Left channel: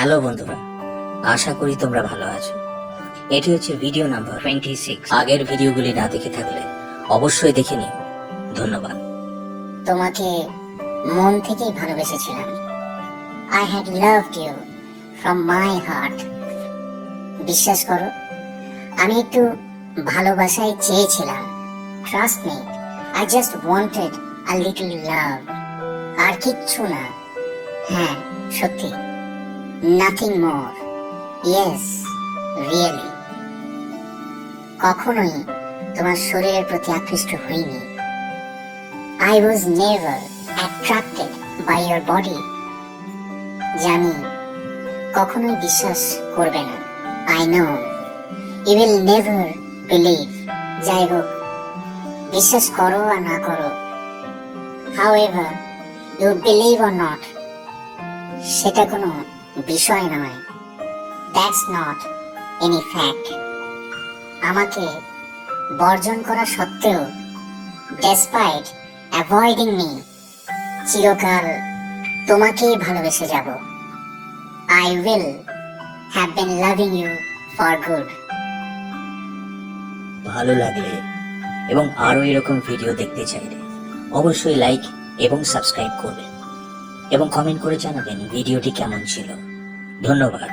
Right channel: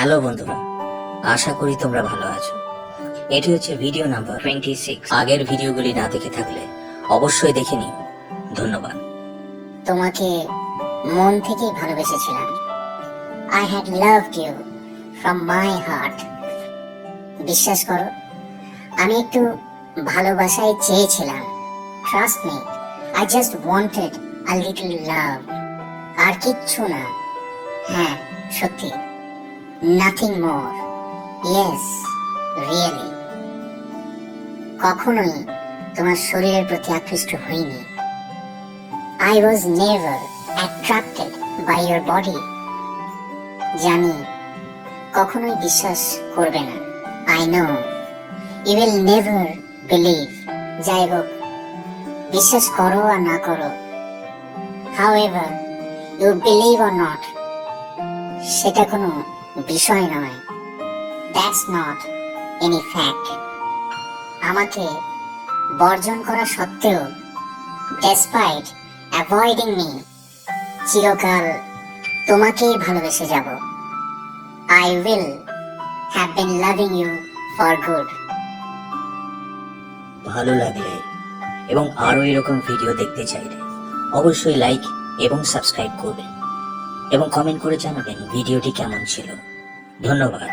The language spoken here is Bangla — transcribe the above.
হ্যালো বন্ধুরা, আশা করি তোমরা ভালো আছো। এটা হচ্ছে ভিডিও নাম্বার 26। আগের ভিডিওগুলি না দেখে থাকলে অবশ্যই দেখে নিও। ধন্যবাদ। তোমাকে মন থেকেই ভালোবেসেছিলাম। I had loved you from my heart. বিশ্বাস করো, আমি একটু ভালোবাসাই চেয়েছিলাম। Trust me, I just wanted a little love. আর কিচ্ছু না। হ্যাঁ, সত্যি। Nothing more. Yes, really. কখনোই তোমার শরীরের প্রতি আকৃষ্ট হইনি। I was never attracted by your body. জানি কখনোই বিশ্বাস করবে না। I know you will never believe. যাই হোক, বিশ্বাস করো আর না করো, however you believe or not, সেটা কোনো বিষয় নয়। That's not any fact. আমাকে বর্জন করা সত্ত্বেও, despite avoiding me, চিরকাল তোমাকেই ভালোবেসে যাব। I will have been loving you for good. ভালো লাগলে এবং আরো এরকম ভিডিও দেখতে চাইলে অবশ্যই লাইক এবং সাবস্ক্রাইব করবেন এবং কমেন্ট করে জানাবেন ভিডিওটি কেমন ছিল। ধন্যবাদ।